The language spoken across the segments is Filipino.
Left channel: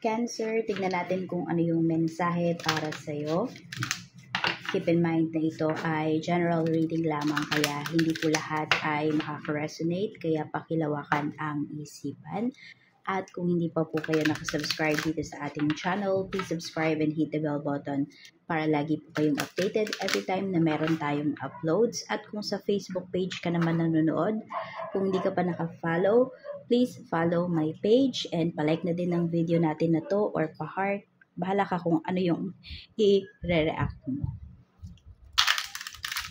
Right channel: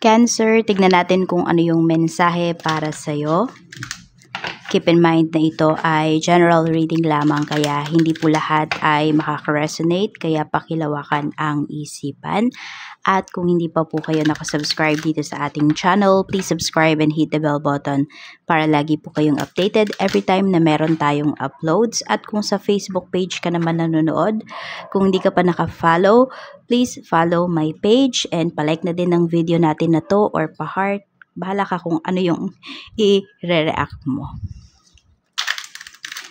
Cancer, tignan natin kung ano yung mensahe para sa'yo. Keep in mind na ito ay general reading lamang, kaya hindi po lahat ay makaka-resonate, kaya pakilawakan ang isipan. At kung hindi pa po kayo nakasubscribe dito sa ating channel, please subscribe and hit the bell button para lagi po kayong updated every time na meron tayong uploads. At kung sa Facebook page ka naman nanonood, kung hindi ka pa naka-follow, please follow my page and palike na din ng video natin na to or pa-heart. Bahala ka kung ano yung i-react mo.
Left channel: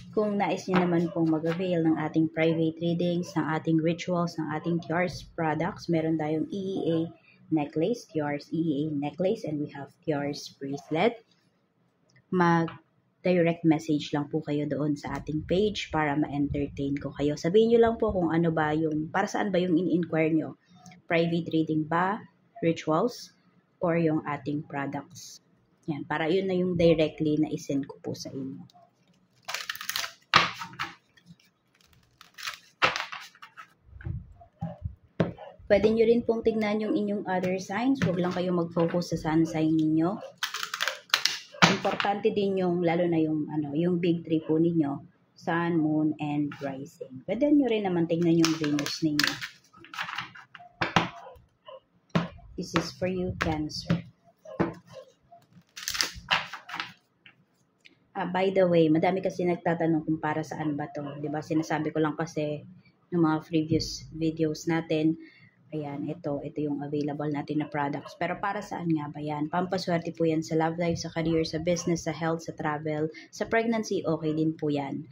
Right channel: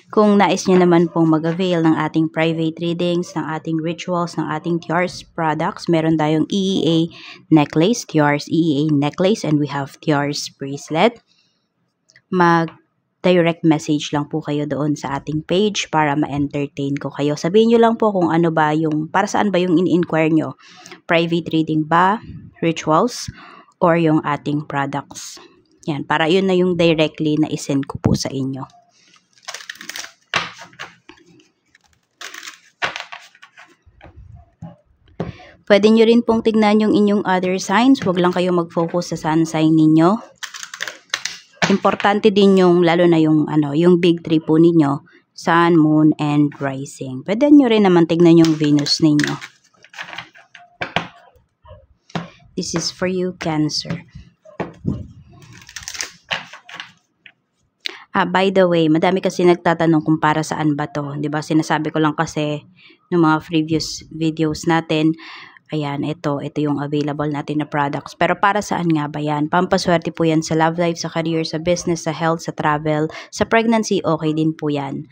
Kung nais nyo naman pong mag-avail ng ating private readings, ng ating rituals, ng ating Tiars products, meron tayong EEA necklace, Tiars EEA necklace, and we have Tiars bracelet. Mag-direct message lang po kayo doon sa ating page para ma-entertain ko kayo. Sabihin nyo lang po kung ano ba yung, para saan ba yung in-inquire nyo. Private reading ba, rituals, or yung ating products. Yan, para yun na yung directly na isend ko po sa inyo. Pwede nyo rin pong tignan yung inyong other signs. Huwag lang kayo mag-focus sa sun sign ninyo. Importante din yung, lalo na yung, yung big three po ninyo. Sun, Moon, and Rising. Pwede nyo rin naman tignan yung Venus ninyo. This is for you, Cancer. By the way, madami kasi nagtatanong kung para saan ba to. 'Di ba? Sinasabi ko lang kasi ng mga previous videos natin. Ayan, ito yung available natin na products. Pero para saan nga ba yan? Pampaswerte po yan sa love life, sa career, sa business, sa health, sa travel, sa pregnancy, okay din po yan.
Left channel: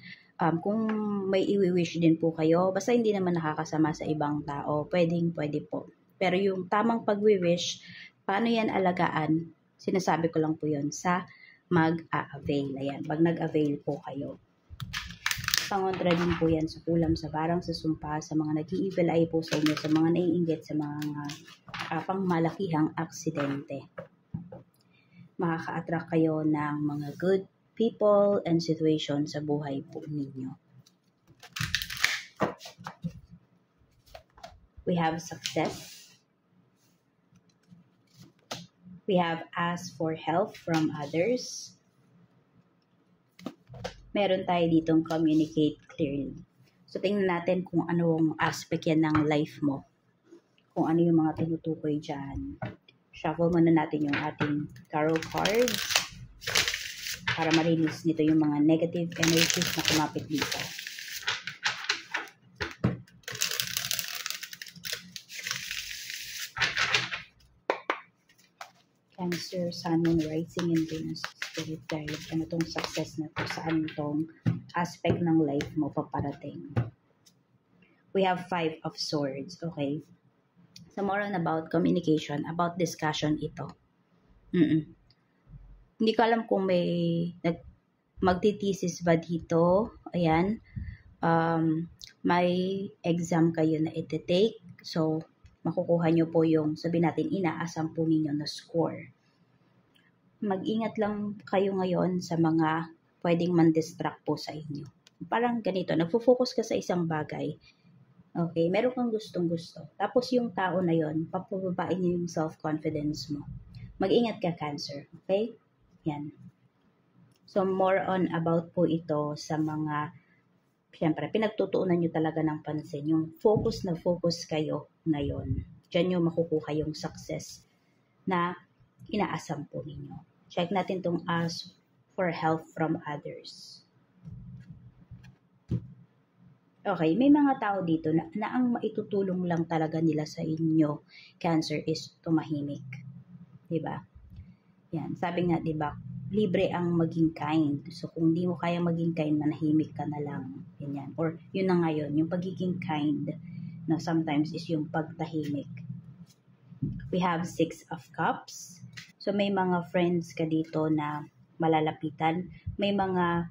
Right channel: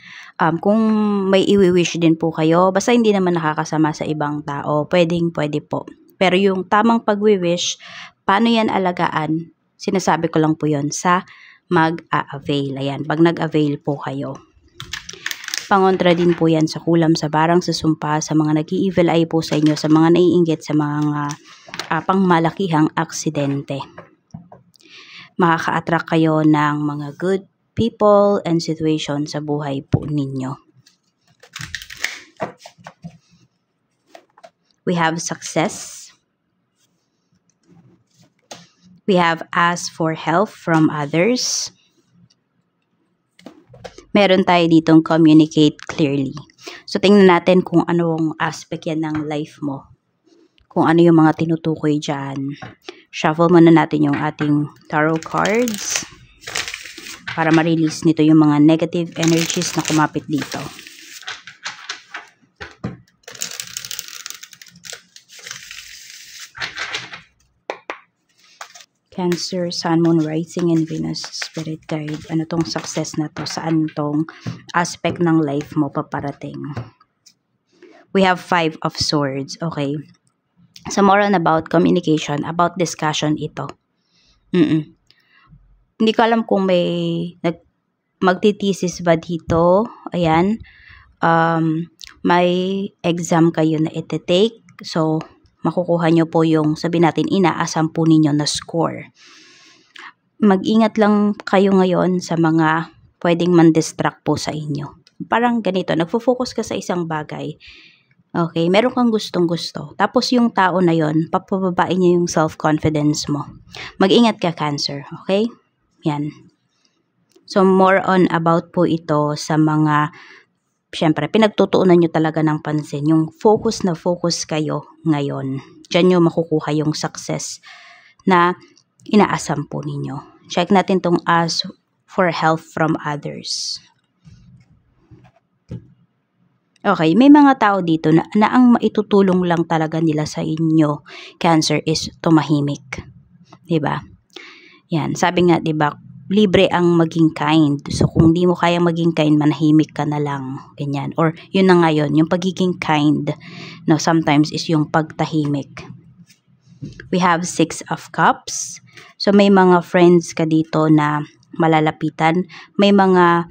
Kung may i-wish din po kayo, basta hindi naman nakakasama sa ibang tao, pwede po. Pero yung tamang pag-wish, paano yan alagaan? Sinasabi ko lang po yon sa mag-a-avail. Ayan, pag nag-avail po kayo. Pangontra din po yan sa kulam, sa barang, sa sumpa, sa mga nag-i-evil eye po sa inyo, sa mga naiinggit, sa mga pangmalakihang aksidente. Makaka-attract kayo ng mga good people and situation sa buhay po ninyo. We have success. We have asked for help from others. Meron tayo ditong communicate clearly. So, tingnan natin kung anong aspect yan ng life mo. Kung ano yung mga tinutukoy dyan. Shuffle muna natin yung ating tarot cards para ma-release nito yung mga negative energies na kumapit dito. Cancer, Sun, Moon, Rising, and Venus, Spirit Guide. Ano tong success na to? Saan tong aspect ng life mo paparating? We have 5 of Swords. Okay. So, more on about communication, about discussion ito. Hindi ko alam kung may magtitesis ba dito. Ayan. May exam kayo na iti-take. So, makukuha nyo po yung, sabi natin, inaasam po ninyo na score. Mag-ingat lang kayo ngayon sa mga pwedeng man-distract po sa inyo. Parang ganito, nagfo-focus ka sa isang bagay. Okay, meron kang gustong-gusto. Tapos yung tao na yon, papababain niya yung self-confidence mo. Mag-ingat ka, Cancer. Okay? Yan. So, more on about po ito sa mga siyempre, pinagtutuunan nyo talaga ng pansin. Yung focus na focus kayo ngayon. Diyan nyo makukuha yung success na inaasam po ninyo. Check natin tong ask for help from others. Okay, may mga tao dito na ang maitutulong lang talaga nila sa inyo, Cancer, is tumahimik. Diba? Yan, sabi nga, diba, libre ang maging kind. So, kung di mo kayang maging kind, manahimik ka na lang. Ganyan. Or, yun na nga yun, yung pagiging kind, no, sometimes is yung pagtahimik. We have 6 of Cups. So, may mga friends ka dito na malalapitan. May mga,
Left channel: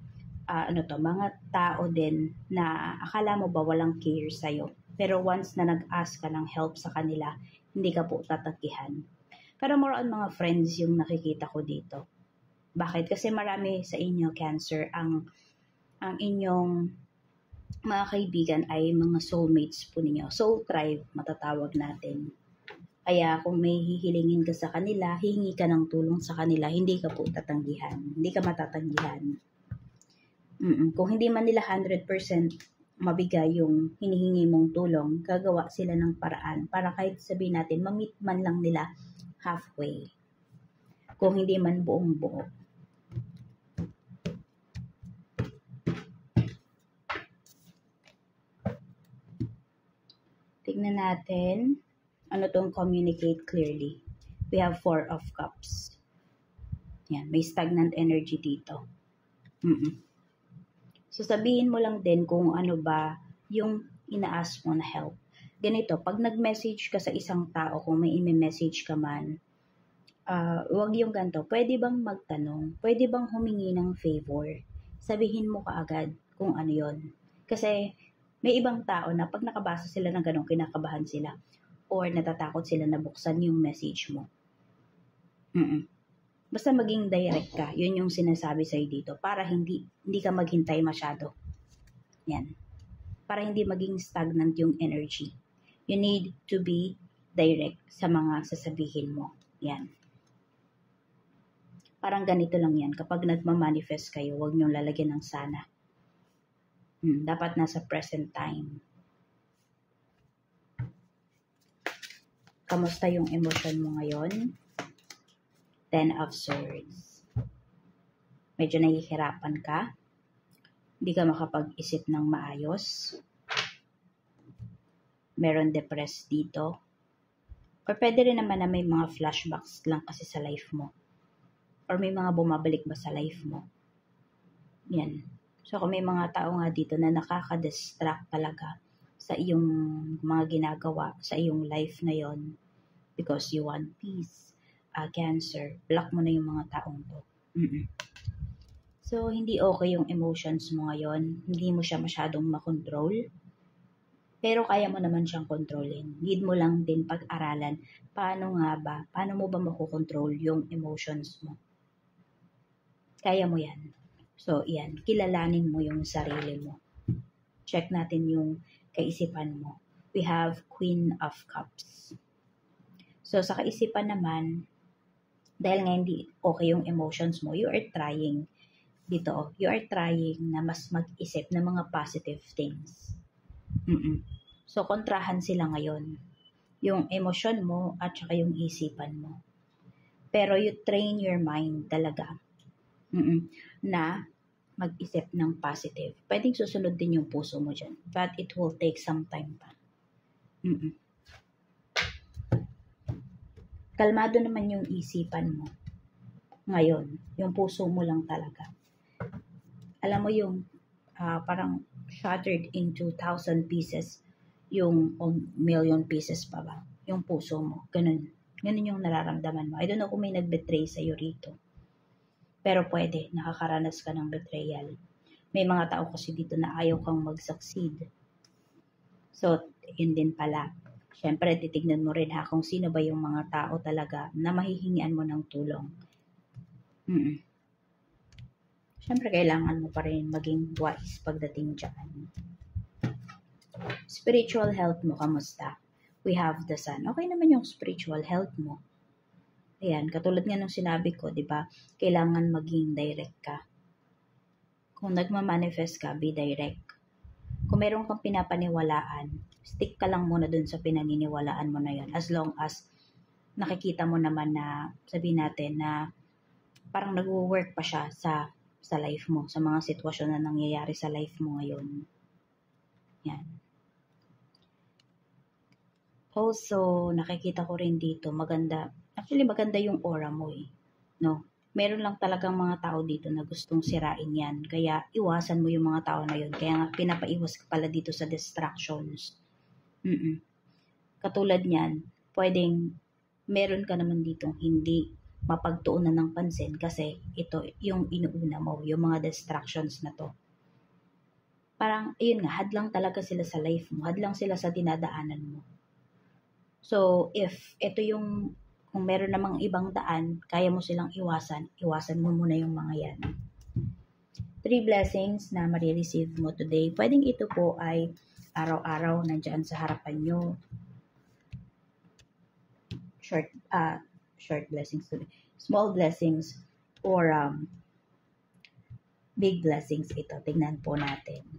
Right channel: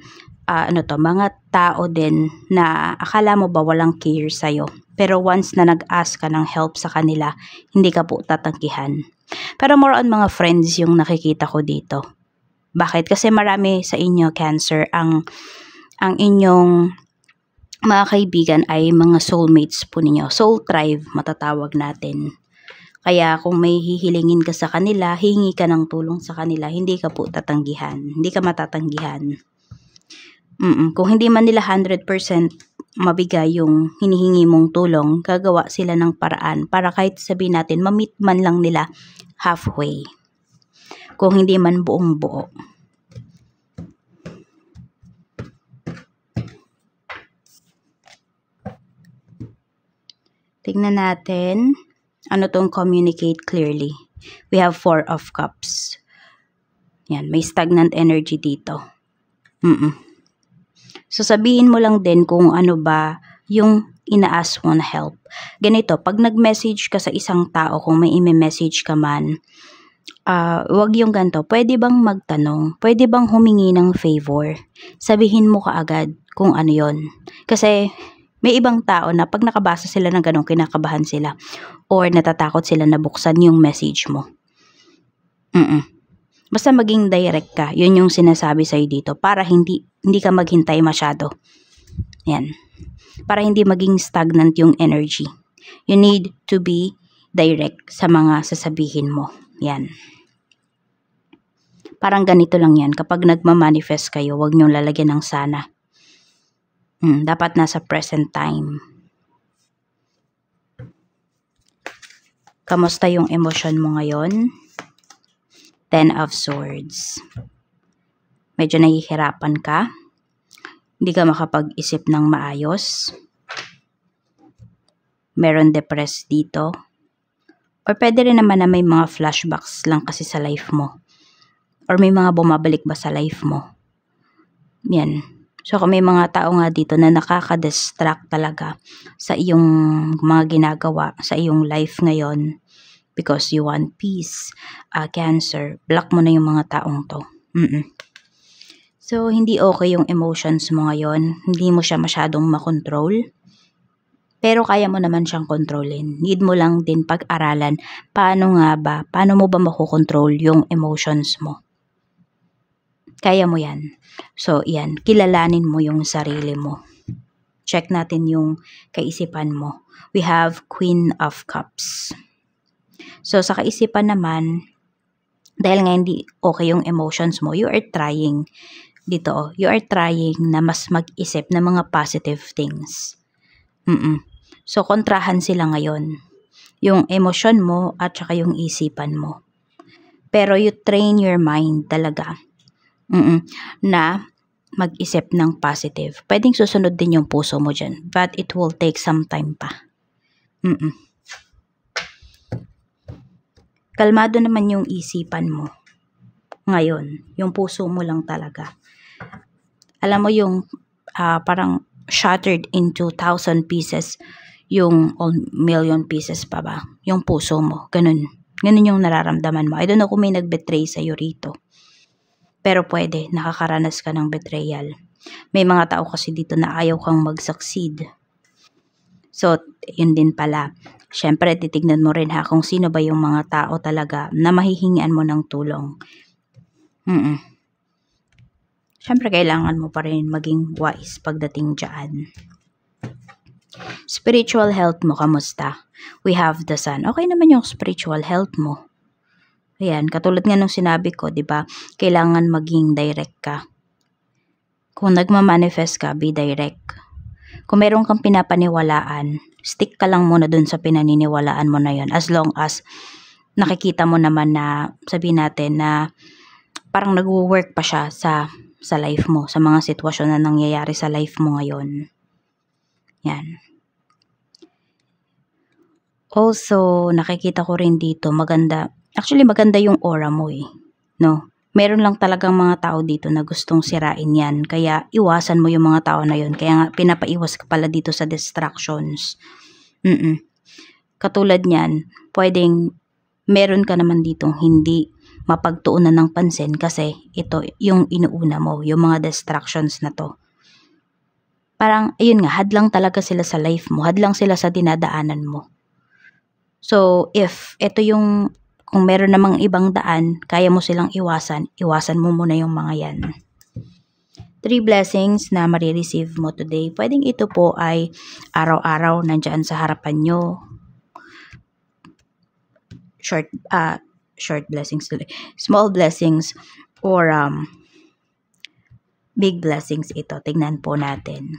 mga tao din na akala mo ba walang care sa'yo. Pero once na nag-ask ka ng help sa kanila, hindi ka po tatangkihan. Pero more on mga friends yung nakikita ko dito. Bakit? Kasi marami sa inyo, Cancer, ang inyong mga kaibigan ay mga soulmates po ninyo. Soul tribe, matatawag natin. Kaya kung may hihilingin ka sa kanila, hihingi ka ng tulong sa kanila, hindi ka po tatanggihan. Hindi ka matatanggihan. Kung hindi man nila 100% mabigay yung hinihingi mong tulong, gagawa sila ng paraan para kahit sabihin natin, ma-meet man lang nila halfway. Kung hindi man buong buo. Tingnan natin, ano tong communicate clearly. We have 4 of Cups. Yan, may stagnant energy dito. So, sabihin mo lang din kung ano ba yung ina-ask mo na help. Ganito, pag nag-message ka sa isang tao, kung may i-message ka man, wag yung ganito, pwede bang magtanong? Pwede bang humingi ng favor? Sabihin mo kaagad kung ano yon. Kasi, may ibang tao na pag nakabasa sila ng ganun, kinakabahan sila. Or natatakot sila na buksan yung message mo. Basta maging direct ka. Yun yung sinasabi sa'yo dito. Para hindi ka maghintay masyado. Yan. Para hindi maging stagnant yung energy. You need to be direct sa mga sasabihin mo. Yan. Parang ganito lang yan. Kapag nagmamanifest kayo, huwag niyong lalagyan ng sana. Dapat nasa present time. Kamusta yung emosyon mo ngayon? 10 of Swords. Medyo nahihirapan ka. Hindi ka makapag-isip ng maayos. Meron depressed dito. Or pwede rin naman na may mga flashbacks lang kasi sa life mo. Or may mga bumabalik ba sa life mo. Yan. So kung may mga tao nga dito na nakaka-distract talaga sa iyong mga ginagawa, sa iyong life ngayon, because you want peace, Cancer, block mo na yung mga taong to. So, hindi okay yung emotions mo ngayon. Hindi mo siya masyadong makontrol. Pero kaya mo naman siyang kontrolin. Need mo lang din pag-aralan paano mo ba makokontrol yung emotions mo. Kaya mo yan. So, yan. Kilalanin mo yung sarili mo. Check natin yung kaisipan mo. We have Queen of Cups. So, sa kaisipan naman, dahil nga hindi okay yung emotions mo, you are trying dito. You are trying na mas mag-isip ng mga positive things. So, kontrahan sila ngayon. Yung emosyon mo at saka yung isipan mo. Pero you train your mind talaga na mag-isip ng positive. Pwedeng susunod din yung puso mo dyan. But it will take some time pa. Kalmado naman yung isipan mo. Ngayon, yung puso mo lang talaga. Alam mo yung parang shattered into 1,000 pieces, yung million pieces pa ba? Yung puso mo. Ganun. Ganun yung nararamdaman mo. I don't know kung may nag-betray sa'yo rito. Pero pwede, nakakaranas ka ng betrayal. May mga tao kasi dito na ayaw kang mag-succeed. So, yun din pala. Siyempre, titignan mo rin kung sino ba yung mga tao talaga na mahihingian mo ng tulong. Siyempre, kailangan mo pa rin maging wise pagdating dyan. Spiritual health mo, kamusta? We have the Sun. Okay naman yung spiritual health mo. Ayan, katulad nga nung sinabi ko, di ba? Kailangan maging direct ka. Kung nagmamanifest ka, be direct. Kung meron kang pinapaniwalaan, stick ka lang muna dun sa pinaniniwalaan mo na yun. As long as nakikita mo naman na, sabihin natin na parang nag-work pa siya sa life mo, sa mga sitwasyon na nangyayari sa life mo ngayon. Yan. Also, nakikita ko rin dito, maganda yung aura mo no? Meron lang talagang mga tao dito na gustong sirain yan. Kaya iwasan mo yung mga tao na yun. Kaya nga pinapaiwas ka pala dito sa distractions. Katulad niyan, pwedeng meron ka naman ditong hindi mapagtuunan ng pansin kasi ito yung inuuna mo, yung mga distractions na to. Parang, ayun nga, hadlang talaga sila sa life mo. Hadlang sila sa dinadaanan mo. So, if ito yung kung meron namang ibang daan, kaya mo silang iwasan mo muna yung mga yan. 3 blessings na marireceive mo today. Pwedeng ito po ay araw-araw nandyan sa harapan nyo. short blessings, small blessings, or big blessings ito. Tingnan po natin.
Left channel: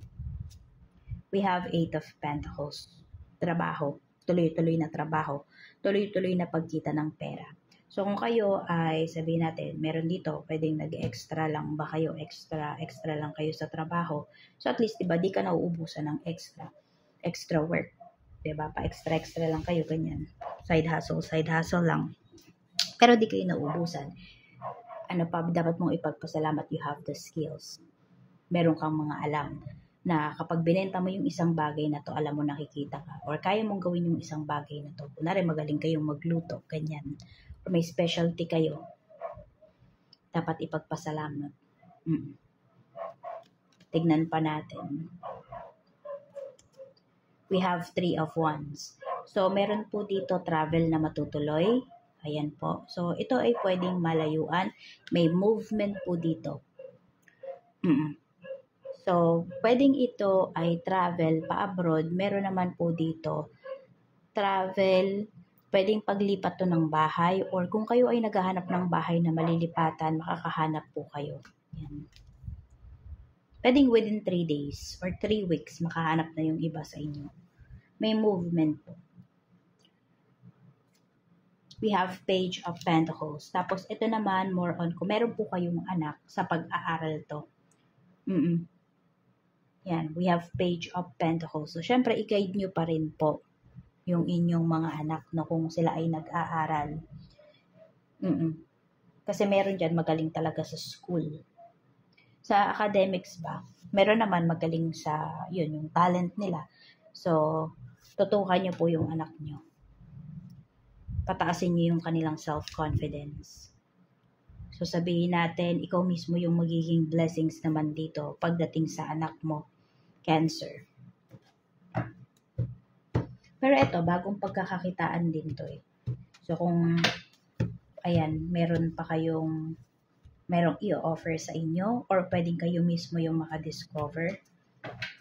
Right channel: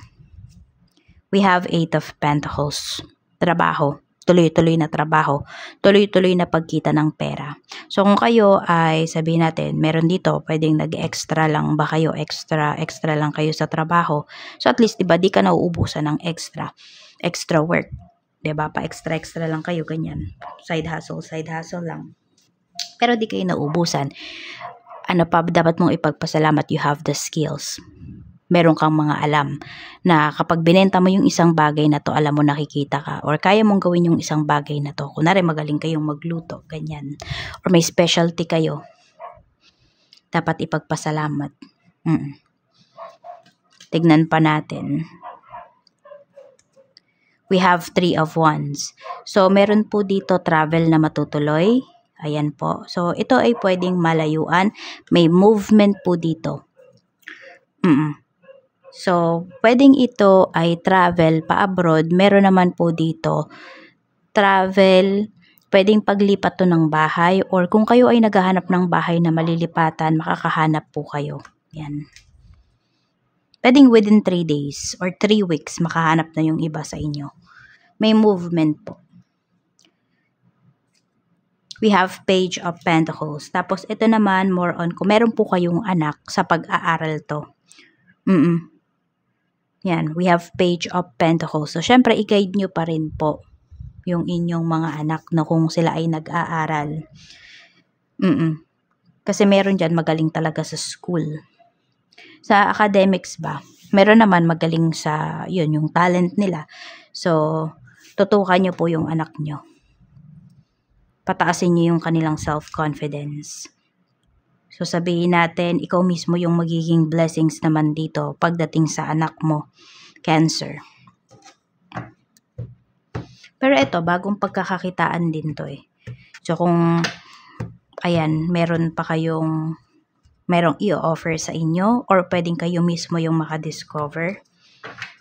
We have 8 of Pentacles. Trabaho. Tuloy-tuloy na trabaho. Tuloy-tuloy na pagkita ng pera. So, kung kayo ay, sabihin natin, meron dito, pwedeng nag-extra lang ba kayo? Extra lang kayo sa trabaho. So, at least, diba, di ka nauubusan ng extra work. Diba? Pa-extra lang kayo, ganyan. Side hustle lang. Pero di kayo nauubusan. Ano pa, dapat mong ipagpasalamat, you have the skills. Meron kang mga alam na kapag binenta mo yung isang bagay na to, alam mo, nakikita ka, or kaya mong gawin yung isang bagay na to. Kunwari, magaling kayong magluto, ganyan. Or may specialty kayo. Dapat ipagpasalamat. Tignan pa natin. We have 3 of Wands. So, meron po dito travel na matutuloy. Ayan po. So, ito ay pwedeng malayuan. May movement po dito. So, pwedeng ito ay travel pa-abroad. Meron naman po dito travel, pwedeng paglipat to ng bahay, or kung kayo ay naghahanap ng bahay na malilipatan, makakahanap po kayo. Yan. Pwedeng within 3 days or 3 weeks, makahanap na yung iba sa inyo. May movement po. We have Page of Pentacles. Tapos, ito naman, more on, kung meron po kayong anak, sa pag-aaral to. Yan, we have Page of Pentacles. So, syempre, i-guide nyo pa rin po yung inyong mga anak na kung sila ay nag-aaral. Kasi meron dyan magaling talaga sa school. Sa academics ba, meron naman magaling sa, yun, yung talent nila. So, tutukan nyo po yung anak nyo. Pataasin nyo yung kanilang self-confidence. So, sabihin natin, ikaw mismo yung magiging blessings naman dito pagdating sa anak mo, Cancer. Pero ito, bagong pagkakakitaan din to eh. So, kung, ayan, merong i-offer sa inyo, or pwedeng kayo mismo yung makadiscover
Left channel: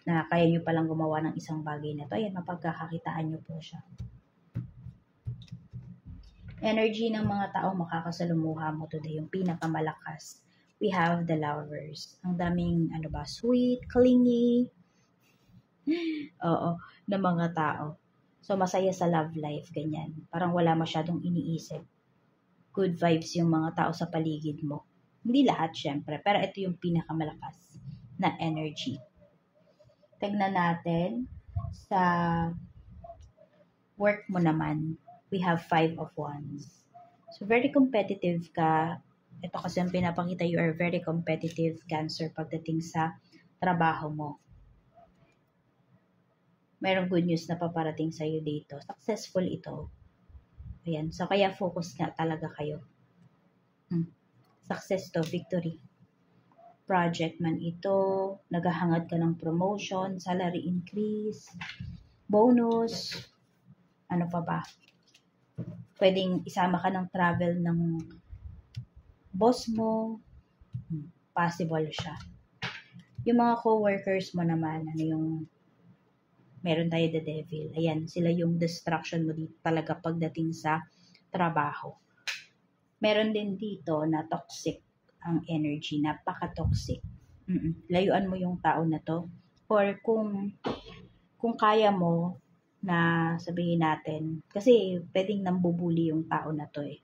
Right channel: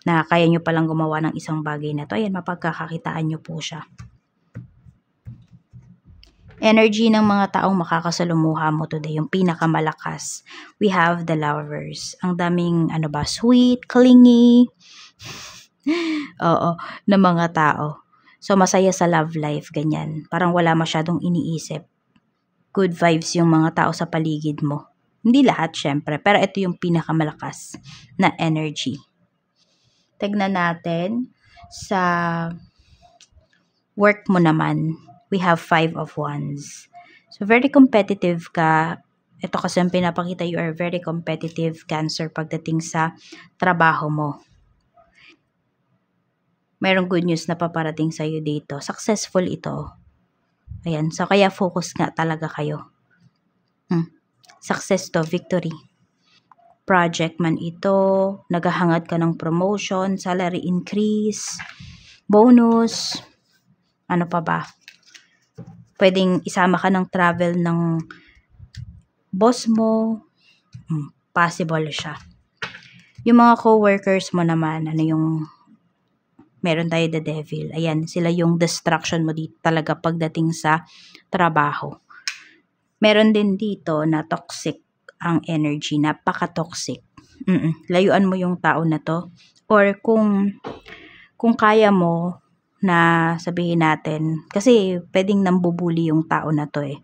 na kaya nyo palang gumawa ng isang bagay na to, ayan, mapagkakakitaan nyo po siya. Energy ng mga taong makakasalumuha mo today, yung pinakamalakas. We have the Lovers. Ang daming, sweet, clingy, na mga tao. So, masaya sa love life, ganyan. Parang wala masyadong iniisip. Good vibes yung mga tao sa paligid mo. Hindi lahat, syempre. Pero ito yung pinakamalakas na energy. Tignan natin sa work mo naman. We have 5 of Wands. So, very competitive ka. Ito kasi ang pinapakita, you are very competitive, Cancer, pagdating sa trabaho mo. Mayroong good news na paparating sa'yo dito. Successful ito. Ayan. So, kaya focus nga talaga kayo. Success to, victory. Project man ito. Naghahangad ka ng promotion, salary increase, bonus. Ano pa ba? Pwedeng isama ka ng travel ng boss mo. Possible siya. Yung mga co-workers mo naman, meron tayo the devil. Ayan, sila yung distraction mo dito talaga pagdating sa trabaho. Meron din dito na toxic ang energy, napaka-toxic. Layuan mo yung tao na to. Or kung kaya mo, na sabihin natin, kasi pwedeng nambubuli yung tao na to eh.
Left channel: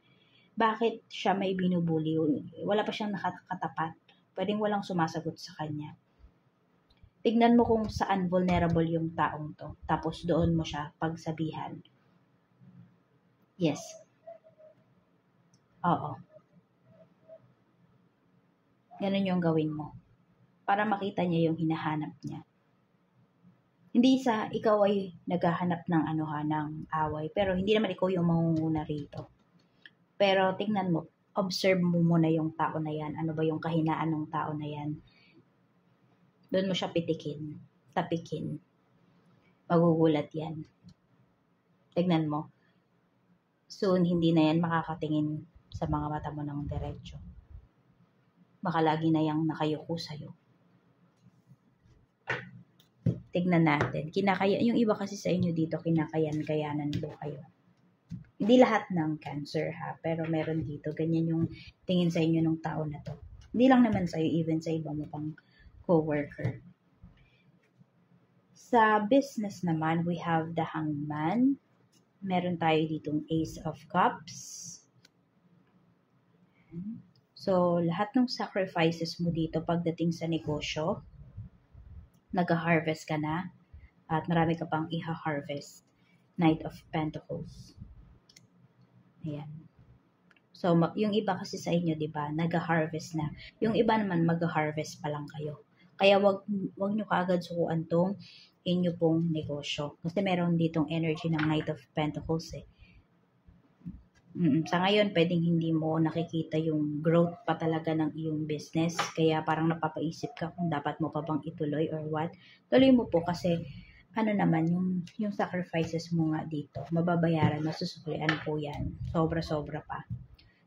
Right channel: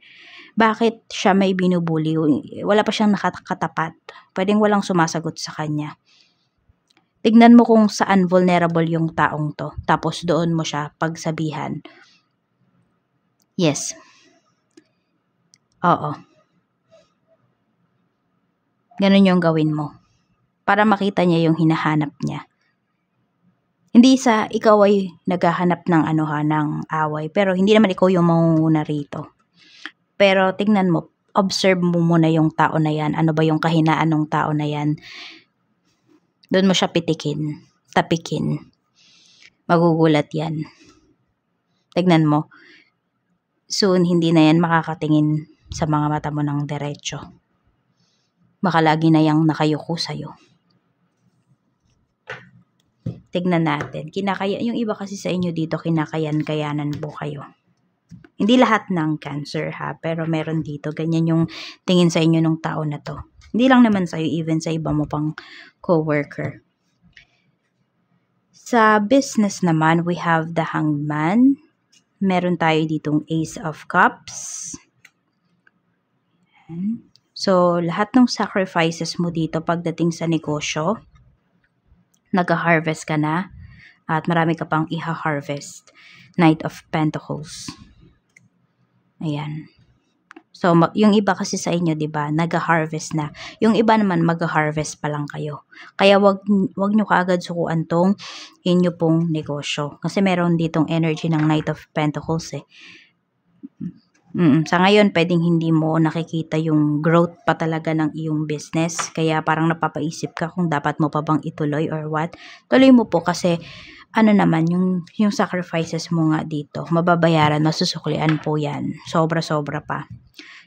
Bakit siya may binubuli? Wala pa siyang nakakatapat. Pwedeng walang sumasagot sa kanya. Tignan mo kung saan vulnerable yung taong to. Tapos doon mo siya pagsabihan. Yes. Oo. Ganun yung gawin mo. Para makita niya yung hinahanap niya. Hindi sa ikaw ay naghahanap ng ng away. Pero hindi naman ikaw yung mangunguna rito. Pero tingnan mo, observe mo muna yung tao na yan. Ano ba yung kahinaan ng tao na yan? Doon mo siya pitikin, tapikin. Magugulat yan. Tignan mo. Soon, hindi na yan makakatingin sa mga mata mo ng diretso. Baka lagi na yang nakayuko sa'yo. Tignan natin. Yung iba kasi sa inyo dito, kinakayan-kayanan po kayo. Hindi lahat ng Cancer ha, pero meron dito. Ganyan yung tingin sa inyo ng tao na to. Hindi lang naman sa'yo, even sa iba mo pang co-worker. Sa business naman, we have the Hanged Man. Meron tayo ditong Ace of Cups. So, lahat ng sacrifices mo dito pagdating sa negosyo, nag-harvest ka na at marami ka pang iha-harvest. Knight of Pentacles. Ayan. So, yung iba kasi sa inyo, 'di ba, nag-harvest na. Yung iba naman mag-harvest pa lang kayo. Kaya wag nyo kaagad sukuan tong inyo pong negosyo. Kasi meron ditong energy ng Knight of Pentacles eh. Sa ngayon, pwedeng hindi mo nakikita yung growth pa talaga ng iyong business. Kaya parang napapaisip ka kung dapat mo pa bang ituloy or what. Tuloy mo po kasi ano naman, yung sacrifices mo nga dito, mababayaran, masusuklian po yan. Sobra-sobra pa.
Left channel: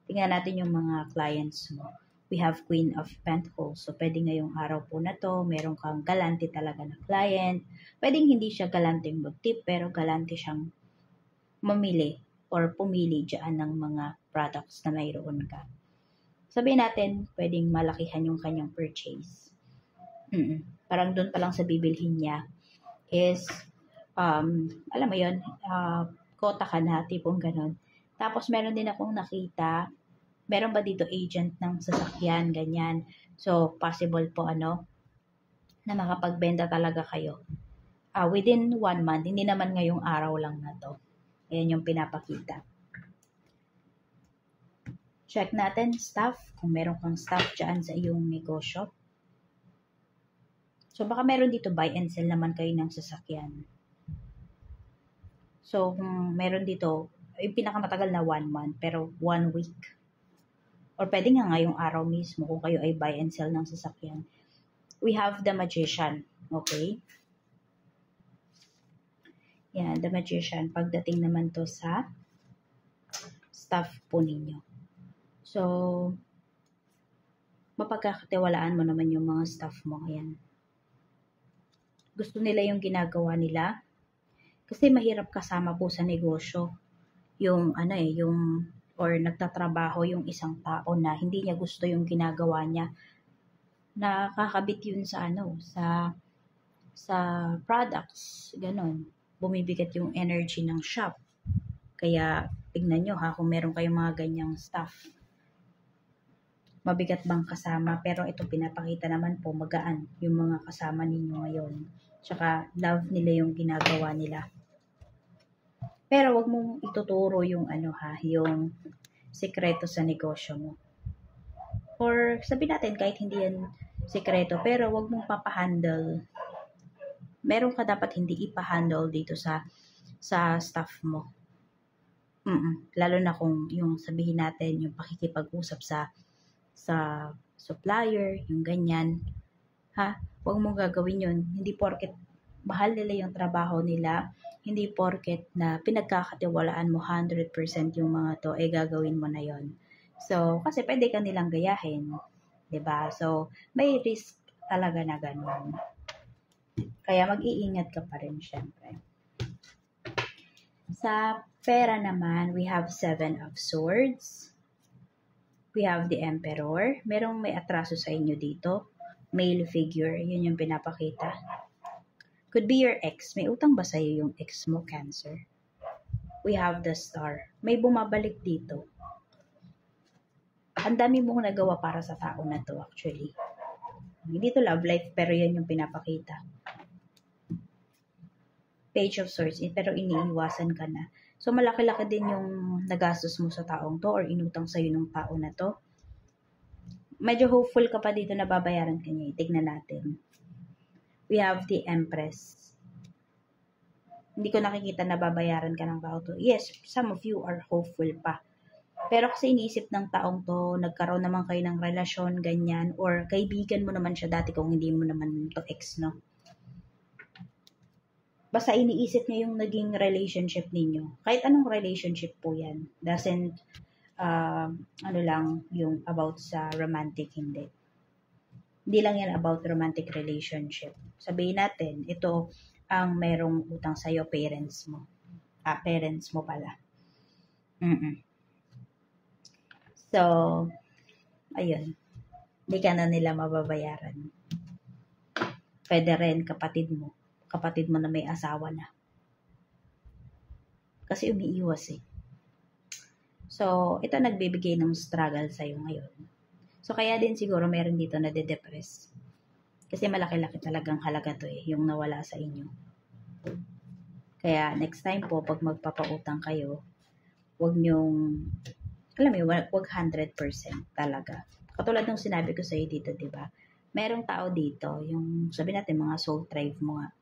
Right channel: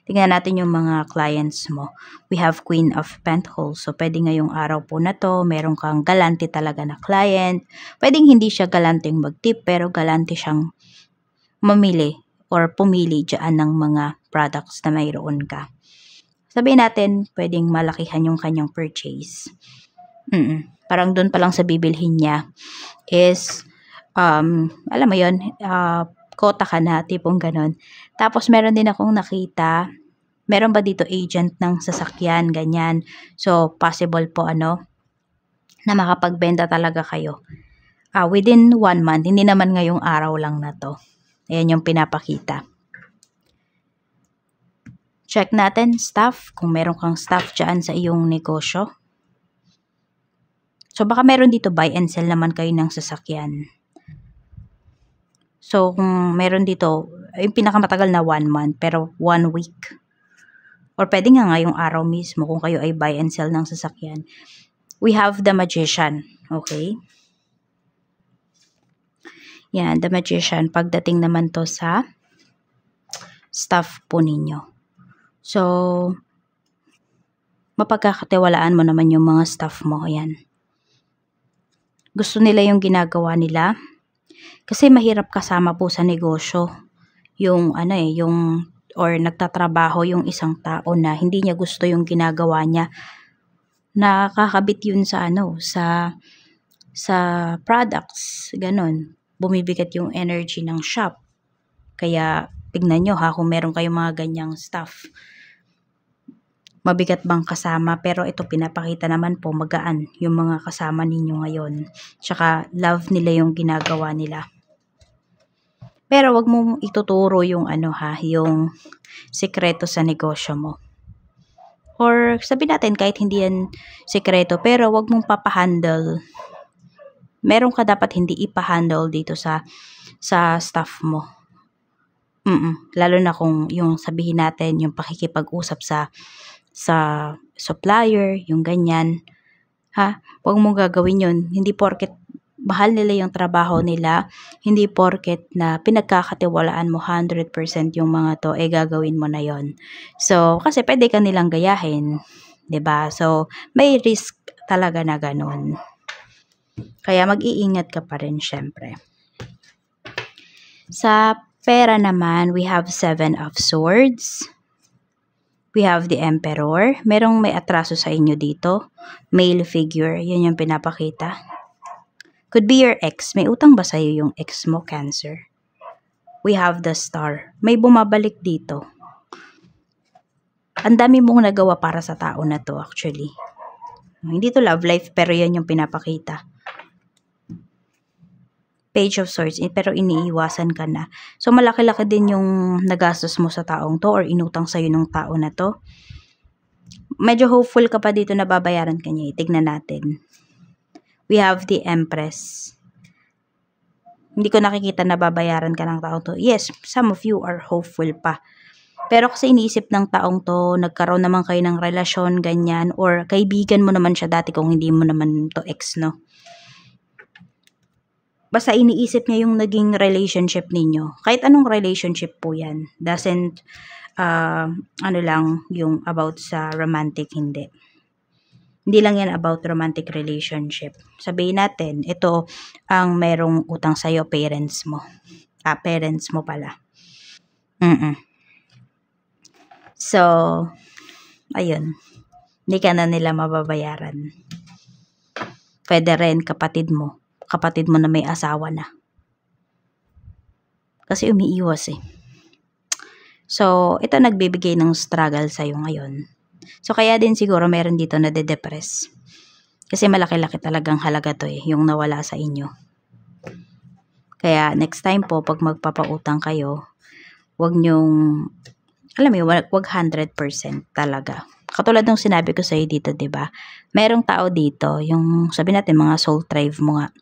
Tingnan natin yung mga clients mo. We have Queen of Pentacles. So, pwede ngayong araw po na to, meron kang galante talaga na client. Pwedeng hindi siya galanteng mag-tip, pero galante siyang mamili or pumili dyan ng mga products na mayroon ka. Sabihin natin, pwedeng malakihan yung kanyang purchase. Parang doon pa lang sa bibilhin niya is, alam mo yun, kota ka na, tipong ganon. Tapos meron din akong nakita, meron ba dito agent ng sasakyan, ganyan. So, possible po na makapagbenta talaga kayo. Within 1 month, hindi naman ngayong araw lang na to. Ayan yung pinapakita. Check natin staff, kung meron kang staff dyan sa iyong negosyo. So, baka meron dito buy and sell naman kayo ng sasakyan. So, kung meron dito, yung pinakamatagal na 1 month, pero 1 week. Or pwede nga ngayong araw mismo kung kayo ay buy and sell ng sasakyan. We have the Magician. Okay? Yan, the Magician. Pagdating naman to sa staff po ninyo. So, mapagkakatiwalaan mo naman yung mga staff mo. Yan. Gusto nila yung ginagawa nila. Kasi mahirap kasama po sa negosyo. Yung or nagtatrabaho yung isang tao na hindi niya gusto yung ginagawa niya. Nakakabit yun sa sa products, ganon. Bumibigat yung energy ng shop. Kaya tignan nyo ha, kung meron kayong mga ganyang stuff. Mabigat bang kasama? Pero ito pinapakita naman po magaan yung mga kasama ninyo ngayon. Tsaka love nila yung ginagawa nila. Pero wag mong ituturo yung yung sekreto sa negosyo mo. Or sabi natin kahit hindi yan sekreto, pero wag mong papahandle. Meron ka dapat hindi ipahandle dito sa staff mo. Lalo na kung yung sabihin natin, yung pakikipag-usap sa supplier, yung ganyan. Ha? Huwag mong gagawin yun. Hindi porket mahal nila yung trabaho nila, hindi porket na pinagkakatiwalaan mo 100% yung mga to, gagawin mo na yon. So, kasi pwede ka nilang gayahin. 'Di ba? So, may risk talaga na ganun. Kaya mag-iingat ka pa rin syempre. Sa pera naman, we have 7 of Swords. We have the Emperor. Merong may atraso sa inyo dito. Male figure. Yan yung pinapakita. Could be your ex. May utang ba sa'yo yung ex mo, Cancer? We have the Star. May bumabalik dito. Ang dami mong nagawa para sa tao na to actually. Hindi to love life pero yan yung pinapakita. Page of Swords, pero iniiwasan ka na. So, malaki-laki din yung nagastos mo sa taong to or inutang sa'yo ng tao na to. Medyo hopeful ka pa dito na babayaran ka niya. Tignan natin. We have the Empress. Hindi ko nakikita na babayaran ka ng taong to. Yes, some of you are hopeful pa. Pero kasi iniisip ng taong to, nagkaroon naman kayo ng relasyon, ganyan, or kaibigan mo naman siya dati kung hindi mo naman to ex, no? Basta iniisip niya yung naging relationship ninyo. Kahit anong relationship po yan. Doesn't, lang yung about sa romantic, hindi. Hindi lang yan about romantic relationship. Sabihin natin, ito, ang merong utang sa'yo, parents mo. Parents mo pala. So, ayun. Hindi ka na nila mababayaran. Pwede rin kapatid mo. Kapatid mo na may asawa na. Kasi umiiwas eh. So, ito nagbibigay ng struggle sa'yo ngayon. So, kaya din siguro meron dito na de-depress. Kasi malaki-laki talagang halaga to eh, yung nawala sa inyo. Kaya next time po, pag magpapautang kayo, wag nyong, alam mo, wag 100% talaga. Katulad ng sinabi ko sa'yo dito, diba? Merong tao dito, yung sabi natin mga soul tribe mo nga,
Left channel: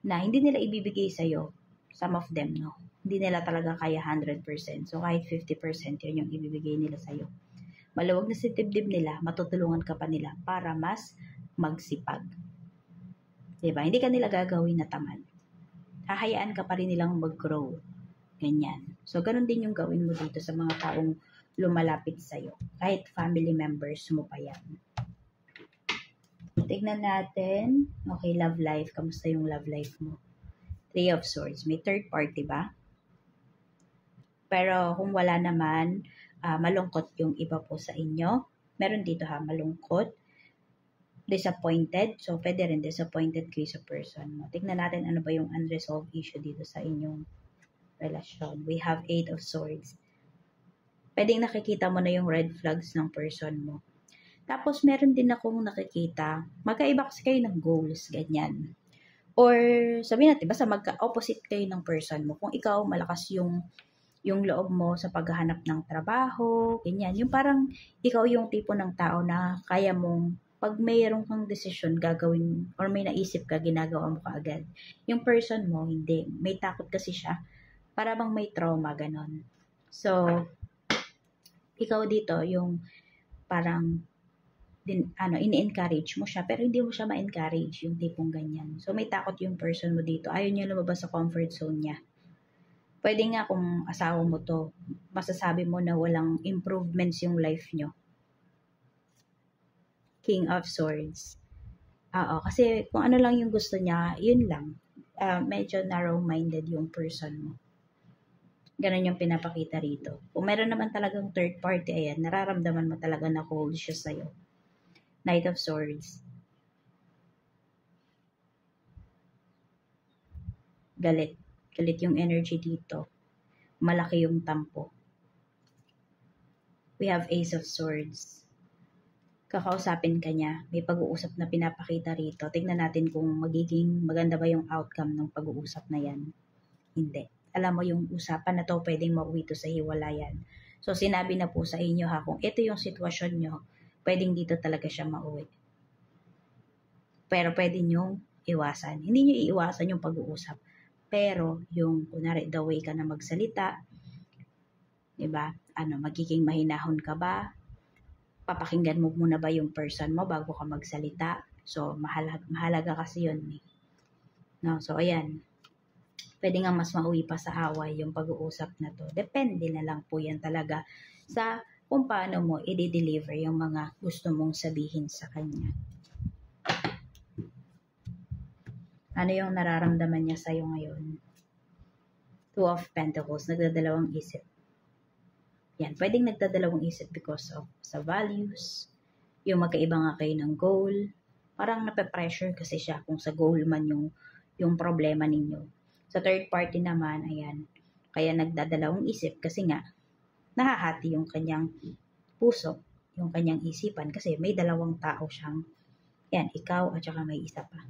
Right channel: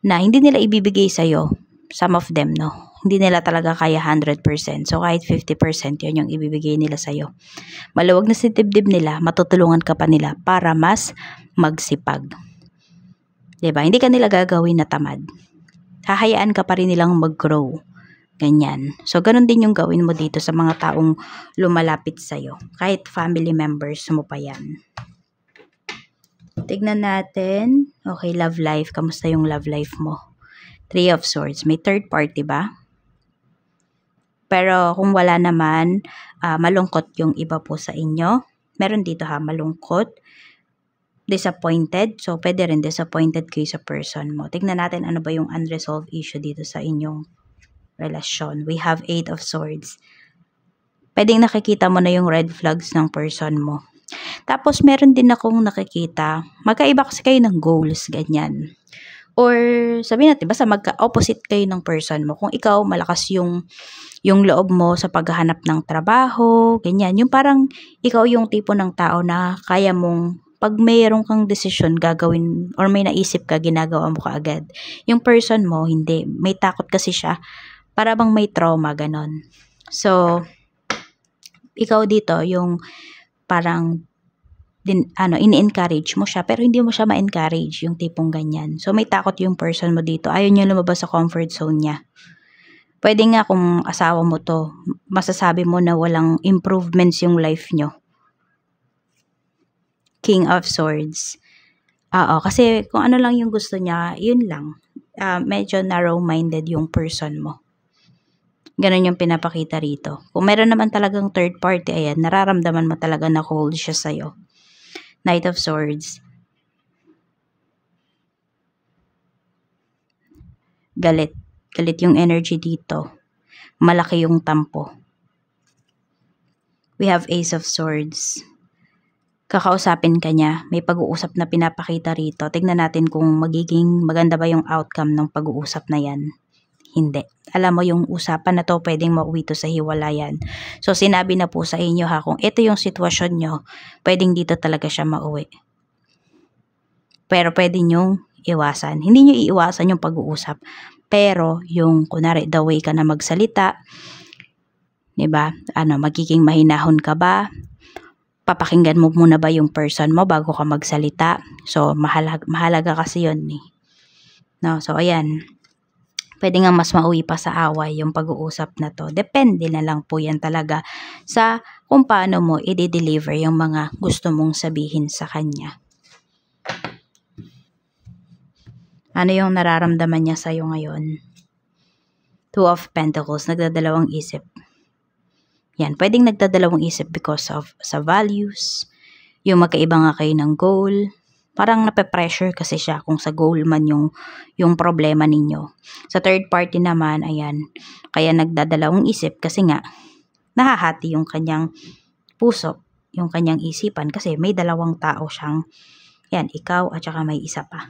na hindi nila ibibigay sa'yo, some of them, no? Hindi nila talaga kaya 100%. So, kahit 50% yun yung ibibigay nila sa'yo. Maluwag na si dibdib nila, matutulungan ka pa nila para mas magsipag. Diba? Hindi ka nila gagawin na tamad. Hahayaan ka pa rin nilang mag-grow. Ganyan. So, ganun din yung gawin mo dito sa mga taong lumalapit sa'yo. Kahit family members mo pa yan. Tignan natin. Okay, love life. Kamusta yung love life mo? Three of Swords. May third party ba? Pero kung wala naman, malungkot yung iba po sa inyo. Meron dito ha, malungkot. Disappointed. So, pwede rin disappointed kayo sa person mo. Tignan natin ano ba yung unresolved issue dito sa inyong relasyon. We have 8 of Swords. Pwedeng nakikita mo na yung red flags ng person mo. Tapos, meron din akong nakikita, magkaiba kasi kayo ng goals, ganyan. Or, sabihin natin, basta magka-opposite kayo ng person mo. Kung ikaw, malakas yung loob mo sa paghahanap ng trabaho, ganyan. Yung parang, ikaw yung tipo ng tao na kaya mong, pag mayroon kang desisyon gagawin, or may naisip ka, ginagawa mo kaagad. Yung person mo, hindi. May takot kasi siya. Para bang may trauma, ganon. So, ikaw dito, yung parang ini-encourage mo siya pero hindi mo siya ma-encourage yung tipong ganyan. So may takot yung person mo dito. Ayaw niya lumabas sa comfort zone niya. Pwede nga kung asawa mo to, masasabi mo na walang improvements yung life nyo. King of Swords. Kasi kung ano lang yung gusto niya, yun lang. Medyo narrow-minded yung person mo. Ganon yung pinapakita rito. Kung meron naman talagang third party, ayan, nararamdaman mo talaga na cold siya sa'yo. Knight of Swords. Galit. Galit yung energy dito. Malaki yung tampo. We have Ace of Swords. Kakausapin ka niya. May pag-uusap na pinapakita rito. Tignan natin kung magiging maganda ba yung outcome ng pag-uusap na yan. Hindi. Alam mo yung usapan na to, pwedeng mauwi to sa hiwalayan. So, sinabi na po sa inyo ha, kung ito yung sitwasyon nyo, pwedeng dito talaga siya mauwi. Pero pwede nyong iwasan. Hindi nyo iiwasan yung pag-uusap. Pero, yung, kunwari, the way ka na magsalita, diba? Magiging mahinahon ka ba? Papakinggan mo muna ba yung person mo bago ka magsalita? So, mahalaga kasi yun eh. No? So, ayan. Pwede nga mas mauwi pa sa away yung pag-uusap na to. Depende na lang po yan talaga sa kung paano mo i-deliver yung mga gusto mong sabihin sa kanya. Ano yung nararamdaman niya sa'yo ngayon? Two of Pentacles, nagdadalawang isip. Yan, pwedeng nagdadalawang isip because of sa values, yung magkaiba nga kayo ng goal. Parang nape-pressure kasi siya kung sa goal man yung problema ninyo. Sa third party naman, ayan, kaya nagdadalawang isip kasi nga, nahahati yung kanyang puso, yung kanyang isipan kasi may dalawang tao siyang, yan, ikaw at saka may isa pa.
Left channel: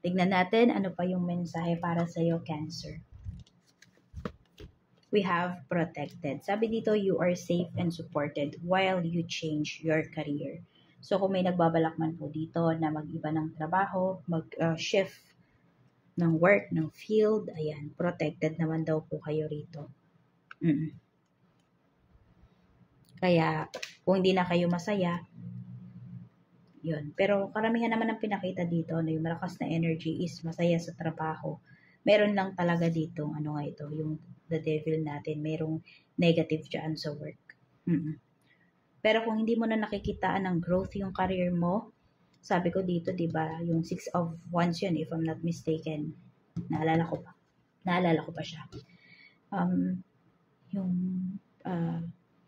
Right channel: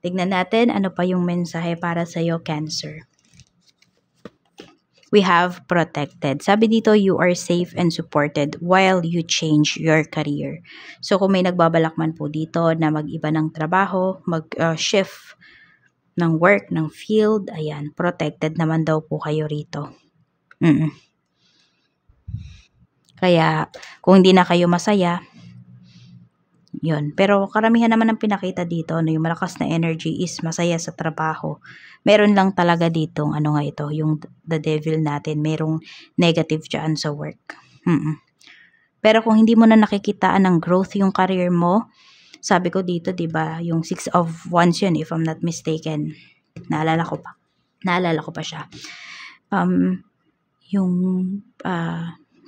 Tignan natin ano pa yung mensahe para sa'yo, Cancer. We have protected. Sabi dito, you are safe and supported while you change your career. So, kung may nagbabalak man po dito na mag-iba ng trabaho, mag-shift ng work, ng field, ayan, protected naman daw po kayo rito. Kaya, kung hindi na kayo masaya, yun. Pero karamihan naman ng pinakita dito, yung malakas na energy is masaya sa trabaho. Meron lang talaga dito, yung the devil natin, merong negative dyan sa work. Pero kung hindi mo na nakikitaan ng growth yung career mo, sabi ko dito, diba, yung 6 of Wands yun, if I'm not mistaken. Naalala ko pa siya. yung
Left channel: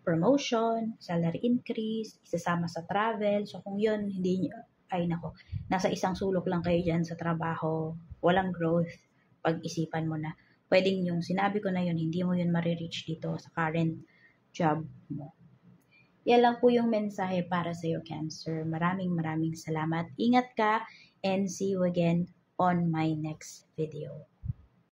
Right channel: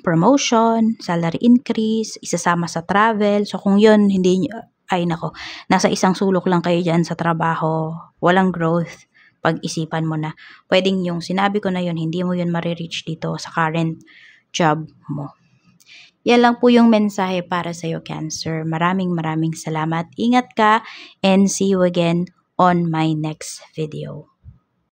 promotion, salary increase, isasama sa travel. So kung yun, hindi, ay nako, nasa isang sulok lang kayo dyan sa trabaho, walang growth, pag-isipan mo na. Pwedeng yung sinabi ko na yun, hindi mo yun marireach dito sa current job mo. Yan lang po yung mensahe para sa'yo, Cancer. Maraming salamat. Ingat ka and see you again on my next video.